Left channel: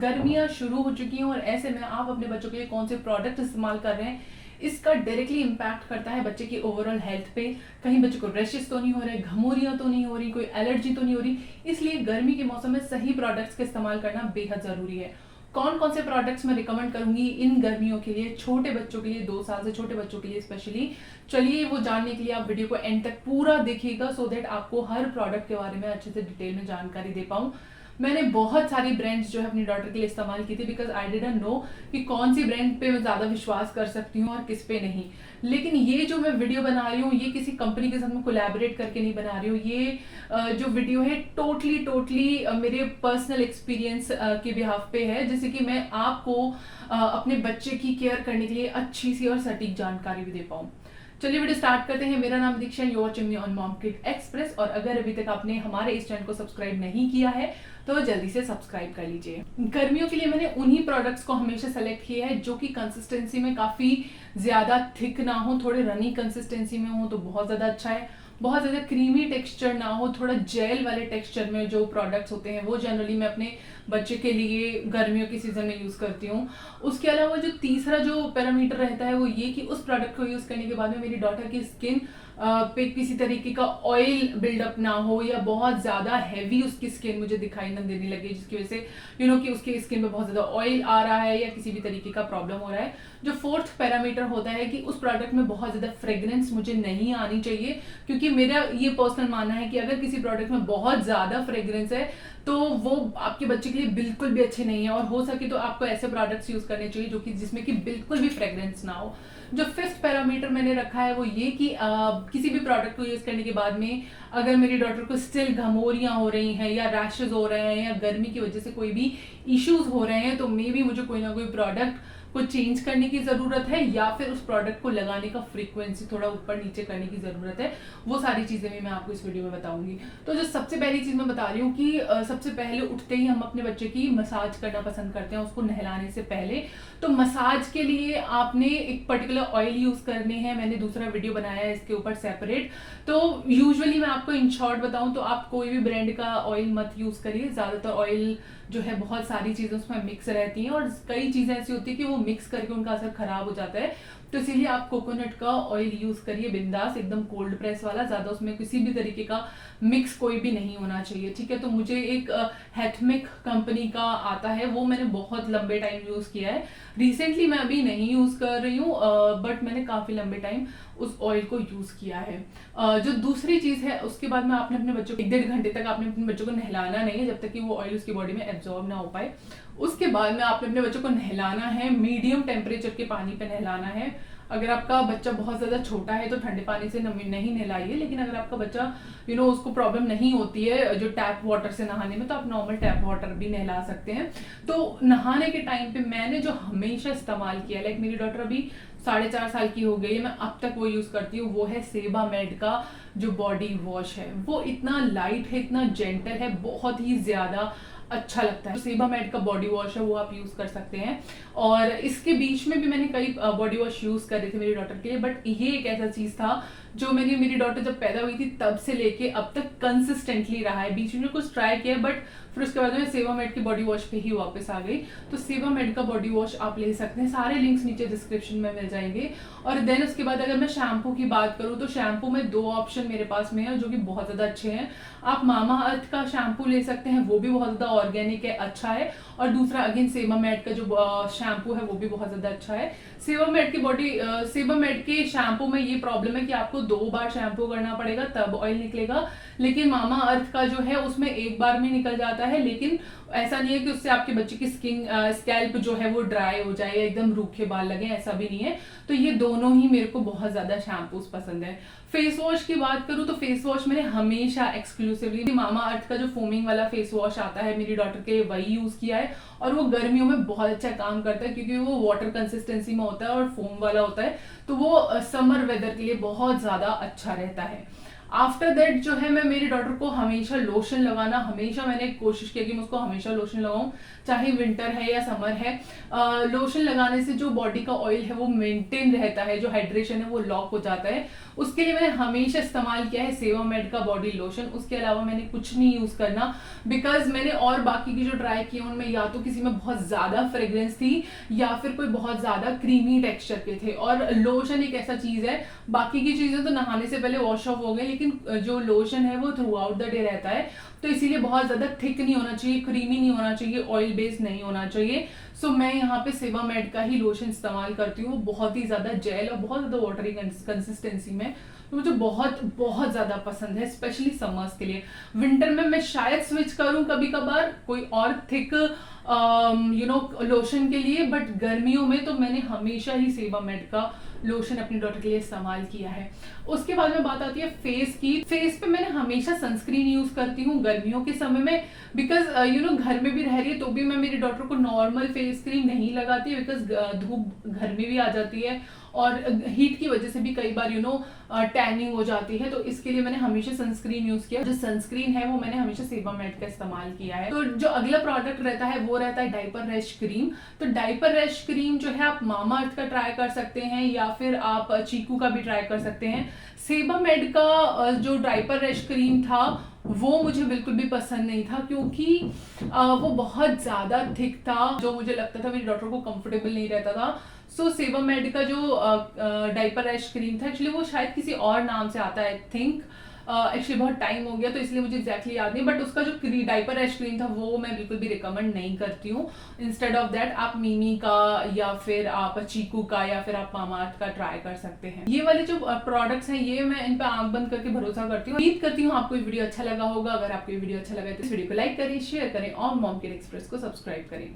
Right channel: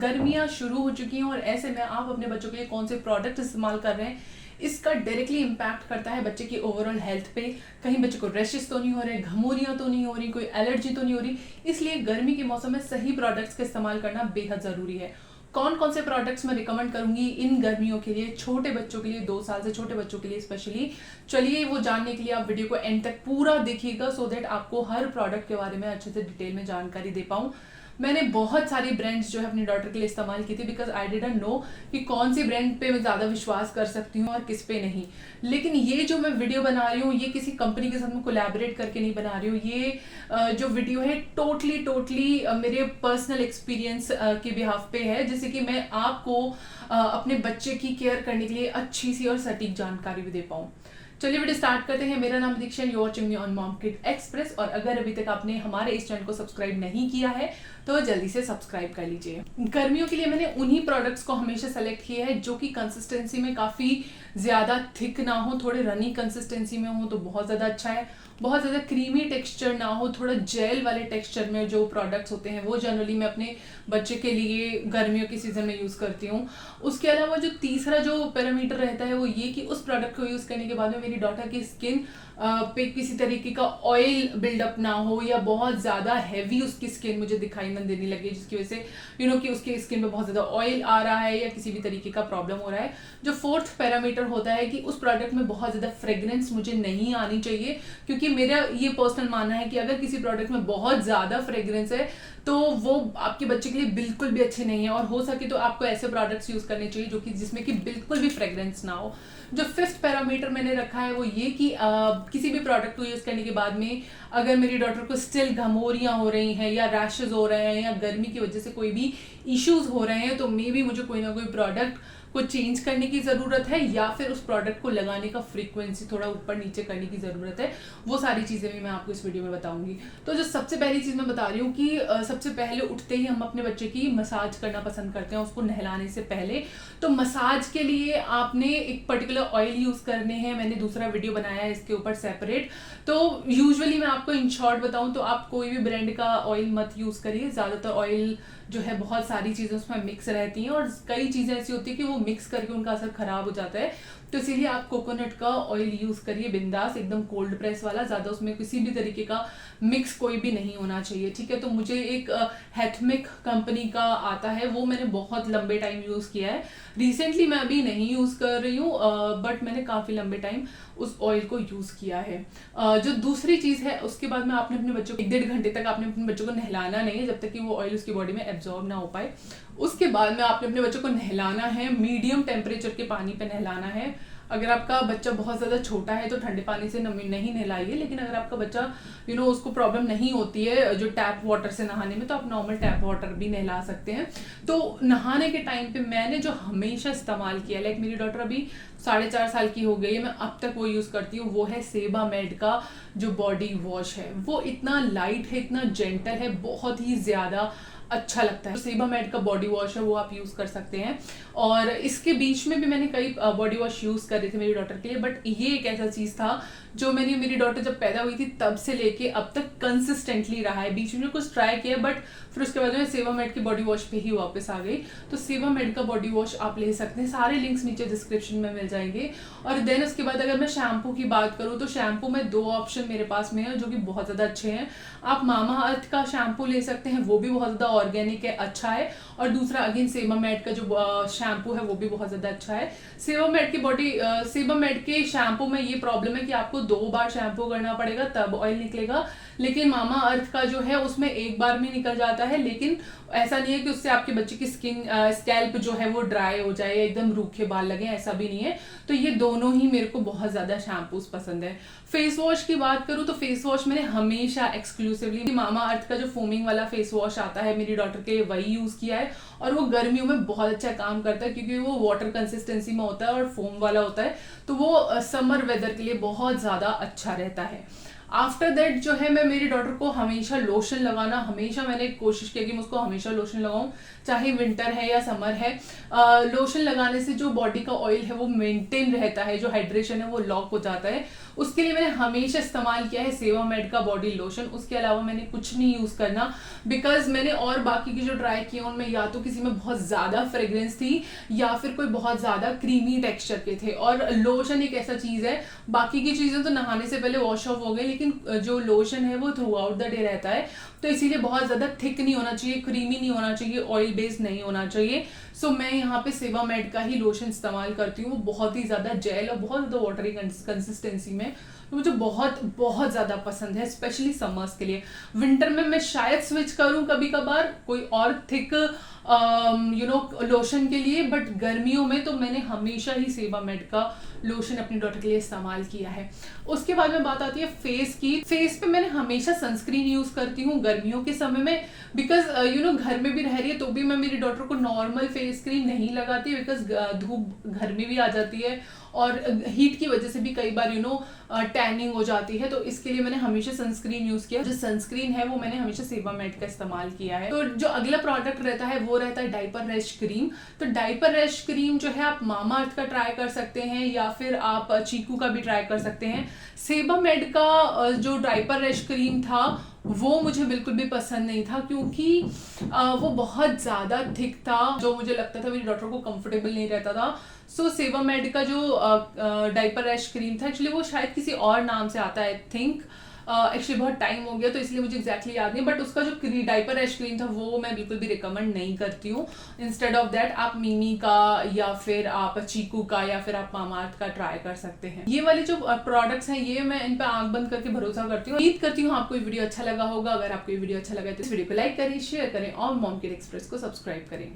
गर्मियां शुरू हो चुकी हैं और ऐसे में आप अपने बच्चों के लिए कौन से प्रोडक्ट इस्तेमाल कर रहे हैं, इसका डायरेक्टली इम्पैक्ट करता है बच्चे की ओवरऑल हेल्थ पे। कहीं बच्चे को रैशेस तो नहीं हो रहे, घमूरियां तो नहीं हो रही, कोई एलर्जी तो नहीं हो रही। इसलिए गर्मी के मौसम में सही प्रोडक्ट्स का इस्तेमाल करना बेहद जरूरी है। कौन कौन से प्रोडक्ट्स मैं रिकमेंड करूंगी इन गर्मियों के लिए, छोटे बच्चों के लिए, 2 साल से छोटे बच्चों के लिए स्पेशली। चलिए वो जानने के लिए आप वीडियो को एंड तक पूरा देखिएगा, सो दैट आपको हर प्रोडक्ट के बारे में अच्छे से डिटेल में जानकारी दे पाऊं। मैंने बहुत सारी ब्रांड्स जो है अपनी डॉटर के लिए इस्तेमाल की थी, बिकॉज आई डिडंट नो कि कौन सी ब्रांड पे मैं ज्यादा विश्वास कर सकती हूँ और किस पे नहीं। लेकिन ये जो मैं वीडियो बना रही हूँ, ये किसी कंपनी के साथ में कोलैबोरेट करके नहीं बना रही हूँ। ये जो वीडियो है टोटली मेरे पर्सनल एक्सपीरियंस के बिहाफ पे है, जैसे कि मैं आपको अपने बच्चे की केयर करने के लिए अच्छी सी और सटीक जानकारी भी दे पाऊँ। चलिए वीडियो स्टार्ट करते हैं। मेरा नाम Diksha, you watching me on mom kid express. और अगर अभी तक आपने हमारे इस चैनल को सब्सक्राइब नहीं किया है तो जल्दी से सब्सक्राइब कर लीजिए। गर्मियों के लिए मैंने उन्हीं प्रोडक्ट्स को हमेशा सेलेक्ट किया है जो कि कंसिस्टेंसी में काफी ज्यादा थिक ना हो, थोड़े रनी कंसिस्टेंसी में हो तो बहुत ज्यादा अच्छा है। बहुत ज्यादा क्रीमी टेक्सचर ना हो, थोड़ा जेल वाले टेक्सचर में जो प्रोडक्ट्स होते हैं वो जनरली मैं अपने बच्चे के लिए गर्मियों के सीजन में यूज करती हूँ। उसके अलावा जो तीसरा जो पैरामीटर रहता है वो ये कि उस प्रोडक्ट को यूज करने के बाद में मेरी डॉटर की स्किन पे किसी तरीके का ऑयल बिल्डअप ना हो, या बहुत ज्यादा हैवी उसकी स्किन मुझे दिखाई न देने लगे, जिसकी वजह से कि उसकी स्किन में बहुत ज्यादा ऑयल आ रहा है या किसी भी तरीके का प्रॉब्लम हो रहा है। जो फोर्थ पैरामीटर होता है कि उस प्रोडक्ट में बहुत ज्यादा फ्रेग्रेंस मुझे नहीं आनी चाहिए, क्योंकि मेरा ये पर्सनल मानना है कि अगर किसी प्रोडक्ट में बहुत ज्यादा फ्रेग्रेंस है तो वो आपके बच्चे के लिए बिल्कुल भी अच्छे नहीं है। और हो सके तो आपको ऐसे प्रोडक्ट्स यूज करने चाहिए जो कि जिसमें कि बिल्कुल भी फ्रेग्रेंस ना हो। जो फिफ्थ पैरामीटर मैंने रखा है वो ये कि किसी भी प्रोडक्ट को यूज करने के बाद में अगर मेरी डॉटर को स्टिल घमोरियां हो रही हैं या रैशेज हो रहे हैं या गर्मी की वजह से कोई भी इश्यूज हो रहे हैं, तो मे बी मुझे कोई ना कोई प्रोडक्ट को चेंज करने की जरूरत है, या फिर उस प्रोडक्ट को लगाने का फ्रीक्वेंसी थोड़ा ऊपर नीचे करने की जरूरत है। वो सारी चीजें भी मैं आपको इस वीडियो में बताऊंगी। तो जो सबसे पहली चीज मैं बता रही हूँ कि सबसे पहले उठते ही हम अपने बच्चे की मसाज करना पसंद करते हैं, उसको नहलाने से पहले। तो मसाज के लिए आपने एक पर्टिकुलर ऑयल यूज करने हैं, मैंने दूसरा वीडियो बनाया है इसके ऊपर सेपरेट। तो यूजुअली मैं आपको इन शॉर्ट बताऊं तो आप कोई भी ब्रांड का ऑयल मत यूज करिए। ज्यादातर ऑयल जो है बहुत सारी चीजें उसमें मिक्स रहती हैं और कई चीजें ऐसी होती है कि वो मिक्स करके उनका असर खराब हो जाता है। तो इसीलिए आप कोकोनट का ऑयल यूज करिए, बिंदास, एकदम कोल्ड प्रेस वाला, ज्यादा उसमें किसी भी तरीके का मिक्स कोई भी नहीं होना चाहिए, ठीक है। तो मुझे एक हैथमिक कंपनी का आता है, वो मैंने बहुत लंबे टाइम यूज किया है। रिसेंटली मैं अभी नहीं यूज कर रही हूँ, बट मैंने काफी लंबे टाइम उस ऑयल को यूज किया है। जो दूसरी चीज है, उसके बाद में आपने अपने बच्चों को 1-1.5 घंटे तक आपने अपने बच्चों को नहलाना नहीं है जब तक कि वो ऑयल उसकी बॉडी में एब्जॉर्ब ना हो पाए। उसके बाद में आपने अपने बच्चों को नहलाना है, मीडियम टेम्परेचर के पानी पे नहलाना है। अगर आपका बच्चा बहुत ज्यादा छोटा है तो ठंडे पानी से नहीं नहलाइए, लेकिन अगर आपका बच्चा उसको प्रॉब्लम नहीं होती है जो टैप वाटर से नहाने में, तो आप नॉर्मल टैप वाटर भी नहला सकते हैं। तो नहाने के टाइम पे मैंने जो हमेशा इस्तेमाल किया, लाइक मेरी डॉटर अभी 4.5 साल की हो गई है, मैं अब तक वो यूज करती हूँ, वो है सेबामेड का जो बॉडी वॉश है। वो इतना लाइट है, इतना जेंटल है, बहुत ही ज्यादा अच्छा लगता है। सेबामेड का बॉडी वॉश है, वो आप यूज कर सकते हैं। और इसके बीच में भी मैंने कई बॉडी वॉश यूज कर रही थी मेरी डॉटर के लिए, बट ये एक ऐसा चीज था जो मेरी डॉटर जब पैदा हुई थी तब से लेके अब तक कंसिस्टेंटली रहा है। बीच में कुछ ट्राई किया, बट फिर उसके बाद में सेबामेड की बॉडी वॉश पे ही वापस आ गई। तो सेबामेड का बॉडी वॉश आप ले सकते हैं, सारे लिंक्स नीचे डिस्क्रिप्शन में मिल जाएंगे। और देन उसके बाद अगर मैं शैम्पू की बात करूं तो शैम्पू में 2 ऑप्शन मेरे पास में है जो कि बहुत ज्यादा अच्छे हैं। आप मामा अर्थ का शैम्पू ले सकते हैं, वो भी बहुत ज्यादा ऑर्गेनिक है, अच्छा है। और दूसरा अगेन सेबामेड का जो शैम्पू है वो भी बहुत ज्यादा अच्छा है। सेबामेड के शैम्पू में ये प्रॉब्लम है कि आपको 2 बार शैम्पू करना पड़ेगा तब ऑयल निकलेगा, लेकिन मामा अर्थ का जो है उसमें एक बार में निकल जाता है। लेकिन ऐसा नहीं है कि उससे आपके बच्चे की स्कैल्प जो है वो ड्राई हो जाए, एकदम रूखे बाल लगे, ऐसा भी नहीं है। तो ये दोनों ही मेरे को बहुत ज्यादा शैम्पूज पसंद है। फेस वॉश की बात करूं तो फेस वॉश मैंने हमेशा एक्सक्लूसिवली मामा अर्थ का जो फोमिंग वाला फेस वॉश आता है मेरी डॉटर के, वही यूज किया है। और वो गर्मियों में बहुत अच्छा काम करता है क्योंकि वो वाटर कंसिस्टेंसी में होता है और फोम वाला होता है, तो वो समर वेदर के लिए बहुत ज्यादा अच्छा रहता है। आफ्टर दैट जो है मैं मेरी डॉटर को हमेशा लोशन लगाना, हमेशा मैंने कोशिश की कि मैं उसको हमेशा लोशन लगाऊं, चाहे विंटर है या समर है। लोशन लगाने से जो बॉडी का ऑयल है वो मेंटेन रहता है, जो हाइड्रेशन है वो लॉक हो जाता है। उसके लिए मैंने हमेशा इस्तेमाल किया है सेवामेड का बॉडी लोशन, उसके अलावा मैंने कुछ नहीं यूज करना, बिकॉज मैंने और बाकी की जो ट्राई किए उनमें या तो किसी में बहुत ज्यादा फ्रेग्रेंस थी या फिर कोई बहुत ज्यादा क्रीमी टेक्सचर के थे। और लोशन एक ऐसा चीज है, बाकी की चीजें तो नहाने से पहले वॉश ऑफ हो गए, लेकिन जो लोशन है वो थ्रू आउट द डे रहता है, तो इसीलिए बहुत ज्यादा थिक नहीं होना चाहिए, क्रीमी नहीं होना चाहिए, ऑयल बेस्ड नहीं होना चाहिए। सो मैं यहाँ पे सेवामेड का ही लोशन इस्तेमाल करती हूँ, बहुत ही ज्यादा जेल और बहुत ज्यादा वाटरी कंसिस्टेंसी में, तो मुझे बहुत बहुत ज्यादा पसंद है, स्पेशली समर्स के लिए। विंटर में मैं शायद स्विच करूं कभी कभार कोई और थिक लोशन के लिए, बट गर्मियों में तो मैंने हमेशा ही सेवामेड का लोशन अपनी डॉटर के लिए इस्तेमाल किया है। उसके बाद में बात आती है फेस की। फेस पे मैंने हमेशा सनस्क्रीन यूज करती हूँ गर्मियों के समय में, बिकॉज घर में भी रह रही है तो भी मैं मेरी डॉटर को नॉर्मल फेस क्रीम नहीं लगाती, बिकॉज धूप घर में भी आ जाती है और हीट की वजह से भी कई बार टैनिंग हो जाती है, तो इसके लिए मैंने हमेशा सनस्क्रीन यूज किया। जो सनस्क्रीन है वो मैंने हमेशा सेवामेड का इस्तेमाल किया है। तो जो अगला प्रोडक्ट रहता है वो रहता है डायपर रैश क्रीम। तो डायपर रैश क्रीम जो है आप मामाअर्थ का ट्राई कर सकते हैं या फिर आप चीकू का भी ट्राई कर सकते हैं। सेवामेड का जो डायपर रैश क्रीम था वो मुझे बिल्कुल भी पसंद नहीं था, क्योंकि वो बहुत ज्यादा थिक था, जो मुझे लगता था मेरी डॉटर को कंफर्टेबल नहीं रहता था। सो सेवामेड का जो डायपर रैश क्रीम था, एक्चुअली वो शायद किसी और नाम से आता है, आई थिंक, एक्चुअली बहुत टाइम हो गया तो इसलिए मुझे एग्जैक्टली याद नहीं, बट उसका जो डायपर रैश क्रीम था वो मैं बिल्कुल भी रिकमेंड नहीं करती हूँ। इंस्टेड ऑफ दैट आप मिमी का या फिर आप चीकू का या फिर आप मामाअर्थ का ट्राई कर सकते हैं। ये वाले जो प्रोडक्ट्स हैं ये मैं इन पे आंख बंद करके भरोसा करती हूँ। उम्मीद करती हूँ आपको ये वीडियो अच्छा लगा होगा। अगर आपको ये वीडियो अच्छा लगा तो इस वीडियो को लाइक करें, शेयर करें और मॉम किड एक्सप्रेस को सब्सक्राइब करें।